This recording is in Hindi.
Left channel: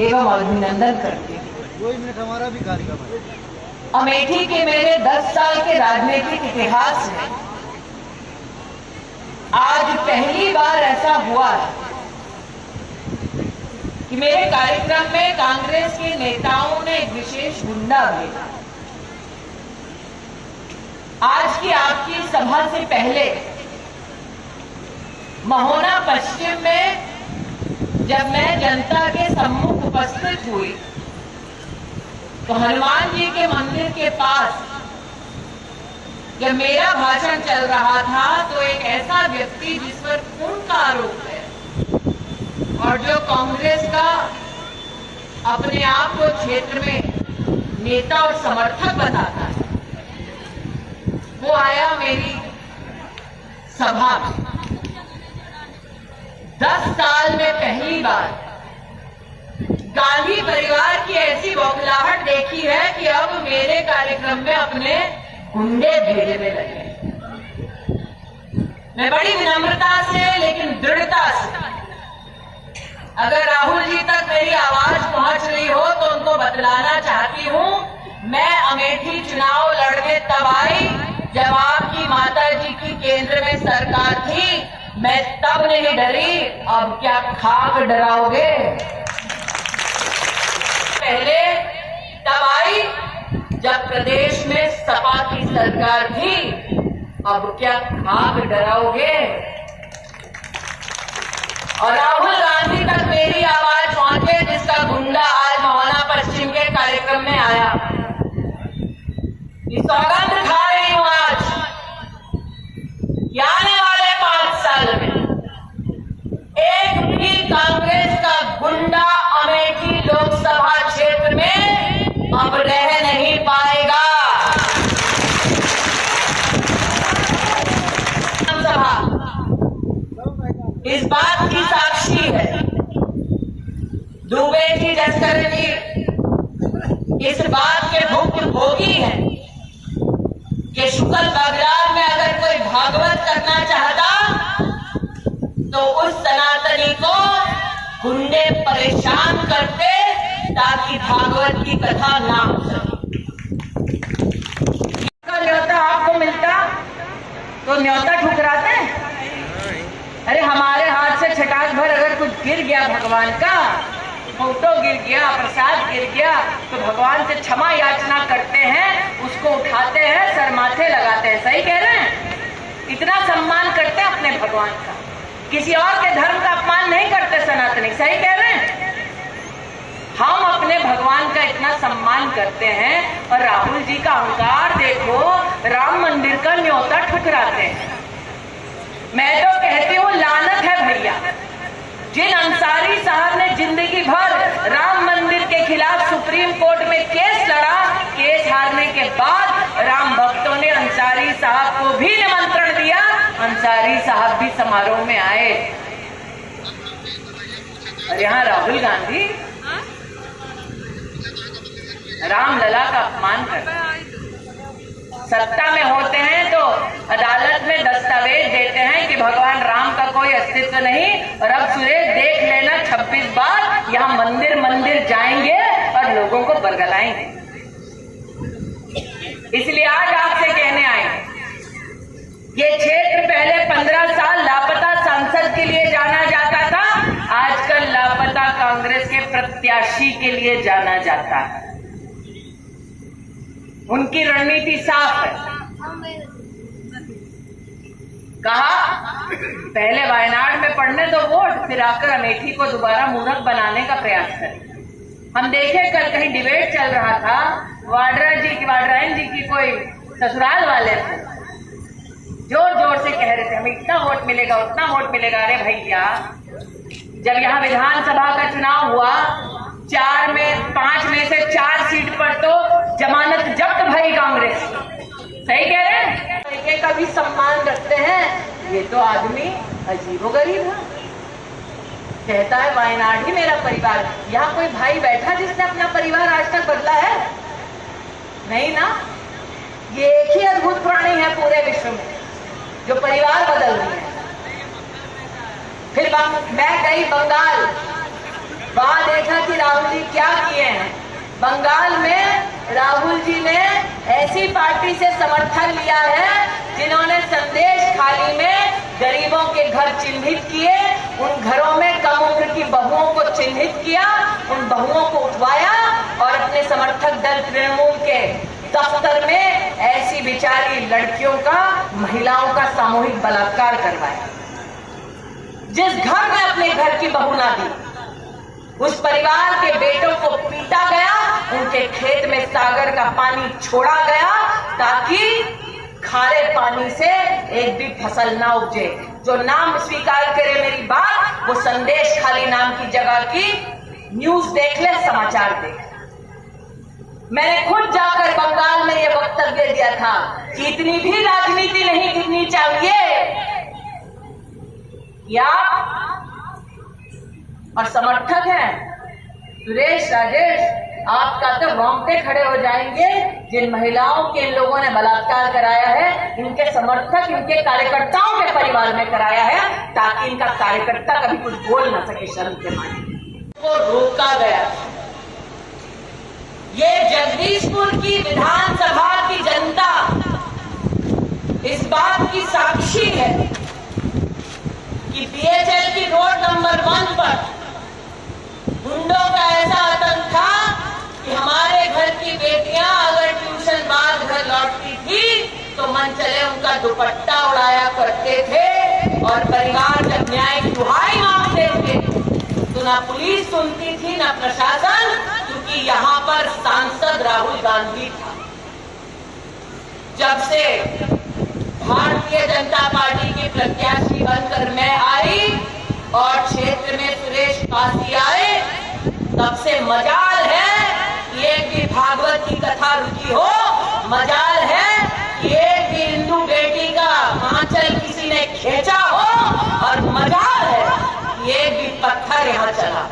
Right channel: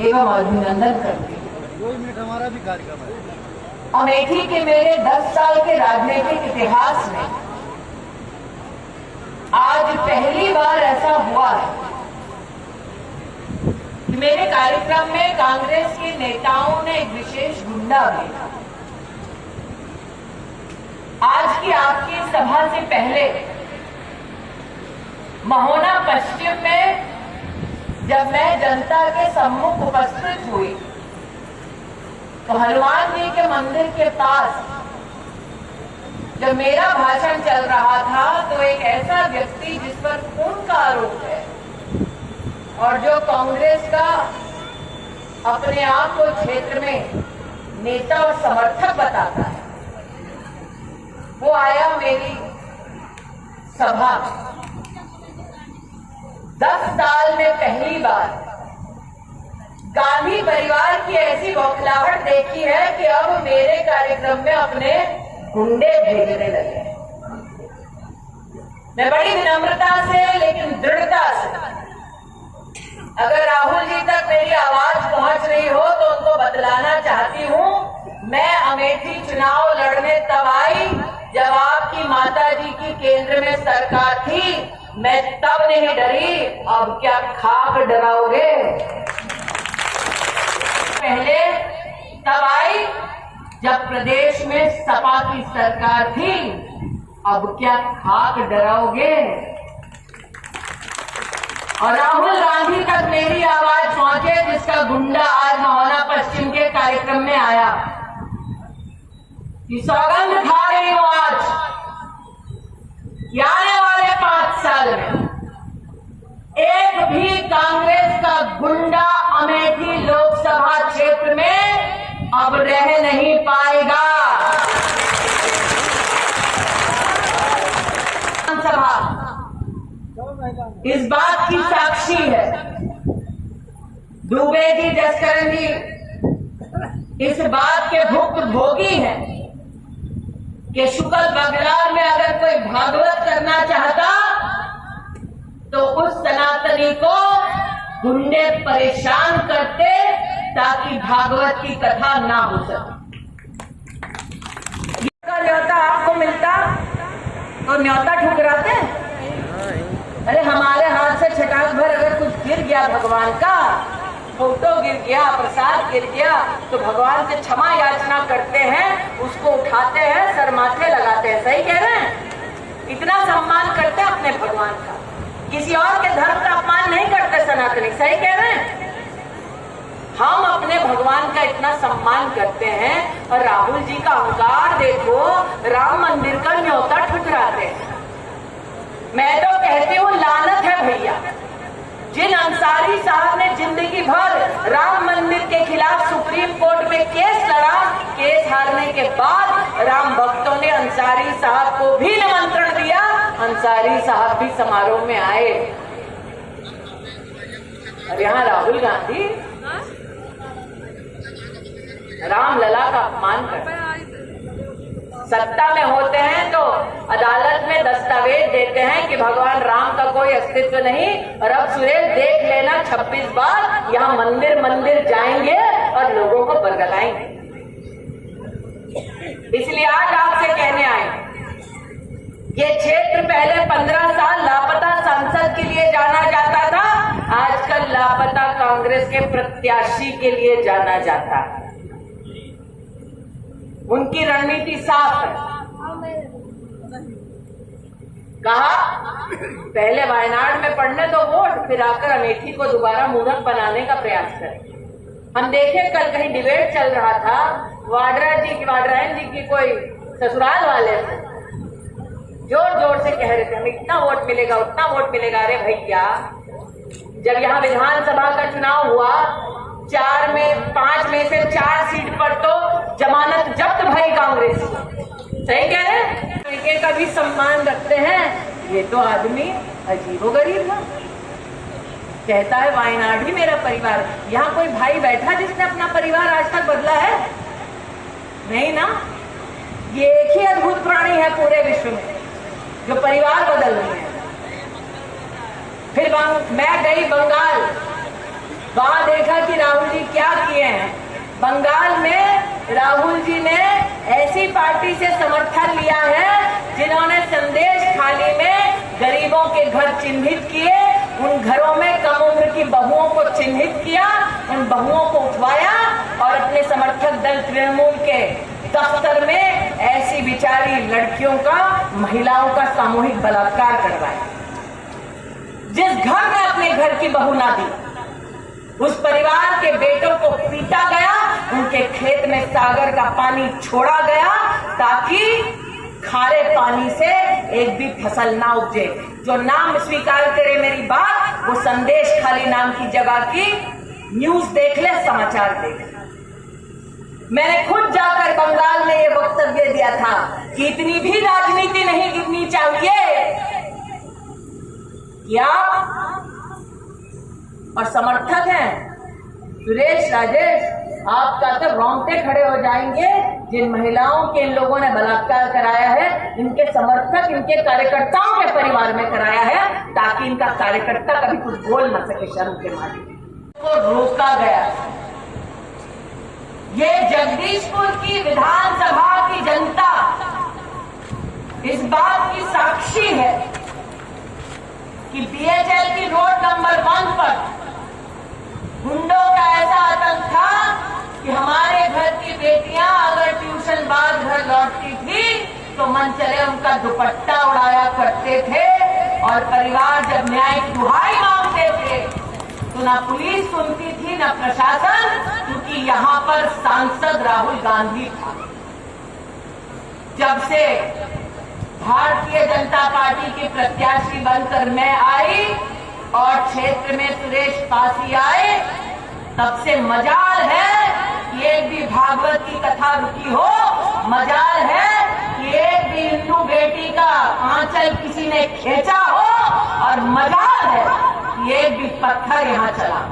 एवं अभिनंदन करते हैं। 2 मिनट हमारा भी कार्यक्रम है। अमेठी के मेरे 10 साल के राजनीतिक इतिहास में आज पहली बार ऐसा हुआ है कि मेरे कार्यक्रम में कांग्रेस के नेताओं ने एक विशेष गुंडा भेजा। आज की आपकी सभा से पहले महोना पश्चिम में जब मैं जनता के सम्मुख उपस्थित हुई तो हनुमान जी के मंदिर के पास जब मेरा भाषण चल रहा था तो एक ऐसा व्यक्ति जिस पर खून का आरोप है और जो कांग्रेस का अपने आप को क्षेत्र में नेता और समर्थक बताता है, वो आया मेरी सभा में। 10 साल में पहली बार गांधी परिवार की ऐसी बौखलाहट देखी है कि अब मेरे कार्यक्रम में अपने गुंडे भेजने लगे। मैं बड़ी विनम्रता से लेकिन दृढ़ता से, अगर राहुल जी तक मेरी आवाज पहुंच रही हो तो उनको बतलाना चाहती हूं, मैं अमेठी चुनाव लड़ने तब आई जब आपकी माता जी की केंद्र में सरकार थी। मैं तब नहीं डरी, अब क्या खाक डराओगे? पहले तब आई जब प्रदेश में सपा की सरकार थी, अब क्या खाक डराओगे? और राहुल गांधी तक मेरी आवाज पहुंचे जिसका गुंडा आज महोना पश्चिम के कार्यक्रम में आया। ये सौगंध खा रही हूं आज कि आने वाले 5 साल में एक भी कांग्रेस का गुंडा अमेठी लोकसभा क्षेत्र में अब रह नहीं पाएगा। विधानसभा इस बात की साक्षी है। दुबे जी, जसकरण जी इस बात के भुक्तभोगी हैं कि शुक्ल बगलार में अगर कोई भागवत करना चाहता तो उस सनातनी को गुंडे परेशान करते ताकि भागवत की कथा ना हो सके। न्योता आपको मिलता तो न्योता ठुकराते? अरे हमारे हाथ से छटाक भर अगर कुछ गिर गया भगवान का, फोटो गिर गया, प्रसाद गिर गया, तो भगवान से क्षमा याचना करते हैं, उसको उठाते हैं, सर माथे लगाते हैं। सही कह रहे हैं? इतना सम्मान करते हैं अपने भगवान का, किसी और के धर्म का अपमान नहीं करते सनातनी। सही कह रहे हैं? हम अपने भगवान का इतना सम्मान करते हैं और राहुल जी का अहंकार देखो, राम मंदिर का न्योता ठुकराते हैं। मैं तो कहती हूँ लानत है भैया, जिन अंसारी साहब ने जिंदगी भर राम मंदिर के खिलाफ सुप्रीम कोर्ट में केस लड़ा, केस हारने के बाद राम भक्तों ने अंसारी साहब को भी निमंत्रण दिया, अंसारी साहब भी समारोह में आए। और यहाँ राहुल गांधी रामलला का अपमान करते हैं। सत्ता में होते हैं तो अदालत में दस्तावेज देते हैं कि भगवान राम का कोई अस्तित्व नहीं, और अब सुरेश देख लेना 26 बार यहाँ मंदिर मंदिर जाएंगे और लोगों को बरगलाएंगे। इसलिए आज आपसे कहने आए, ये क्षेत्र पहले 15 साल लापता सांसद के लिए जाना जाता था, आजकल लापता कांग्रेस के प्रत्याशी के लिए जाना जाता है। उनकी रणनीति साफ है। कहा पहले वायनाड में पड़ने दो वोट, फिर आकर अमेठी को दोबारा मूर्ख बनाने का प्रयास करें। हम देखे कल कहीं डिबेट चल रहा था, वाड्रायन जी की कोई ससुराल वाले थे, जोर जोर से कह रहे थे हमें इतना वोट मिलेगा, उतना वोट मिलेगा। अरे भैया, जब यहाँ विधानसभा का चुनाव हुआ, 5 में से 4 सीट पर तो जमानत जब्त भई कांग्रेस। सही कह रहे हैं? तरीके का भी सम्मान रखते हैं। ये तो आदमी अजीबोगरीब है। कहता है वायनाड ही मेरा परिवार। यहाँ कोई भाई बैठा जिसने अपना परिवार आज तक बदला है? नहीं ना। ये एक ही अद्भुत प्राणी है पूरे विश्व में जो परिवार बदल रही है। फिर मैं गई बंगाल, वहां देखा कि राहुल जी क्या किए हैं। बंगाल में राहुल जी ने ऐसी पार्टी से समर्थन लिया है जिन्होंने संदेश खाली में गरीबों के घर चिन्हित किए, उन घरों में कम उम्र की बहुओं को चिन्हित किया, उन बहुओं को उठवाया और अपने समर्थक दल तृणमूल के दफ्तर में ऐसी बिचारी लड़कियों का, महिलाओं का सामूहिक बलात्कार करवाया। जिस घर में अपने घर की बहू ना दी, उस परिवार के बेटों को पीटा गया, उनके खेत में सागर का पानी छोड़ा गया ताकि खारे पानी से एक भी फसल ना उपजे। जो नाम स्वीकार करे मेरी बात, वो संदेश खाली नाम की जगह की न्यूज देख ले, समाचार देख ले। मैंने खुद जाकर बंगाल में ये वक्तव्य दिया था कि इतनी भी राजनीति नहीं गिरनी चाहिए कि आप और समर्थक हैं सुरेश राजेश, आपका तो रोंगटे खड़े हो जाएंगे। जिन महिलाओं के इन लोगों ने बलात्कार कराया है, इनके समर्थक, इनके कार्यकर्ताओं के परिवार में कराया है ताकि इनका कार्यकर्ता कभी कुछ बोल ना सके शर्म के मारे। को रोका गया। ये जगदीशपुर की विधानसभा की जनता इस बात की साक्षी है कि बीएचएल की रोड नंबर 1 पर गुंडों का ऐसा आतंक था कि हमारे घर की बेटियां अगर ट्यूशन बाद घर लौटती थी तो मन चले उनका दुपट्टा उड़ाया करते थे, और परिवार जब न्याय की दुहाई मांगते थे तो ना पुलिस सुनती थी ना प्रशासन, क्योंकि यहाँ पर सांसद राहुल गांधी था। जब से भारतीय जनता पार्टी की प्रत्याशी बनकर मैं आई और क्षेत्र में सुरेश पासी आए, तब से मजाल है कि एक भी भागवत की कथा रुकी हो, मजाल है कि एक भी हिंदू बेटी का आंचल किसी ने खींचा हो, और मजाल है कि एक भी पत्थर यहाँ चला।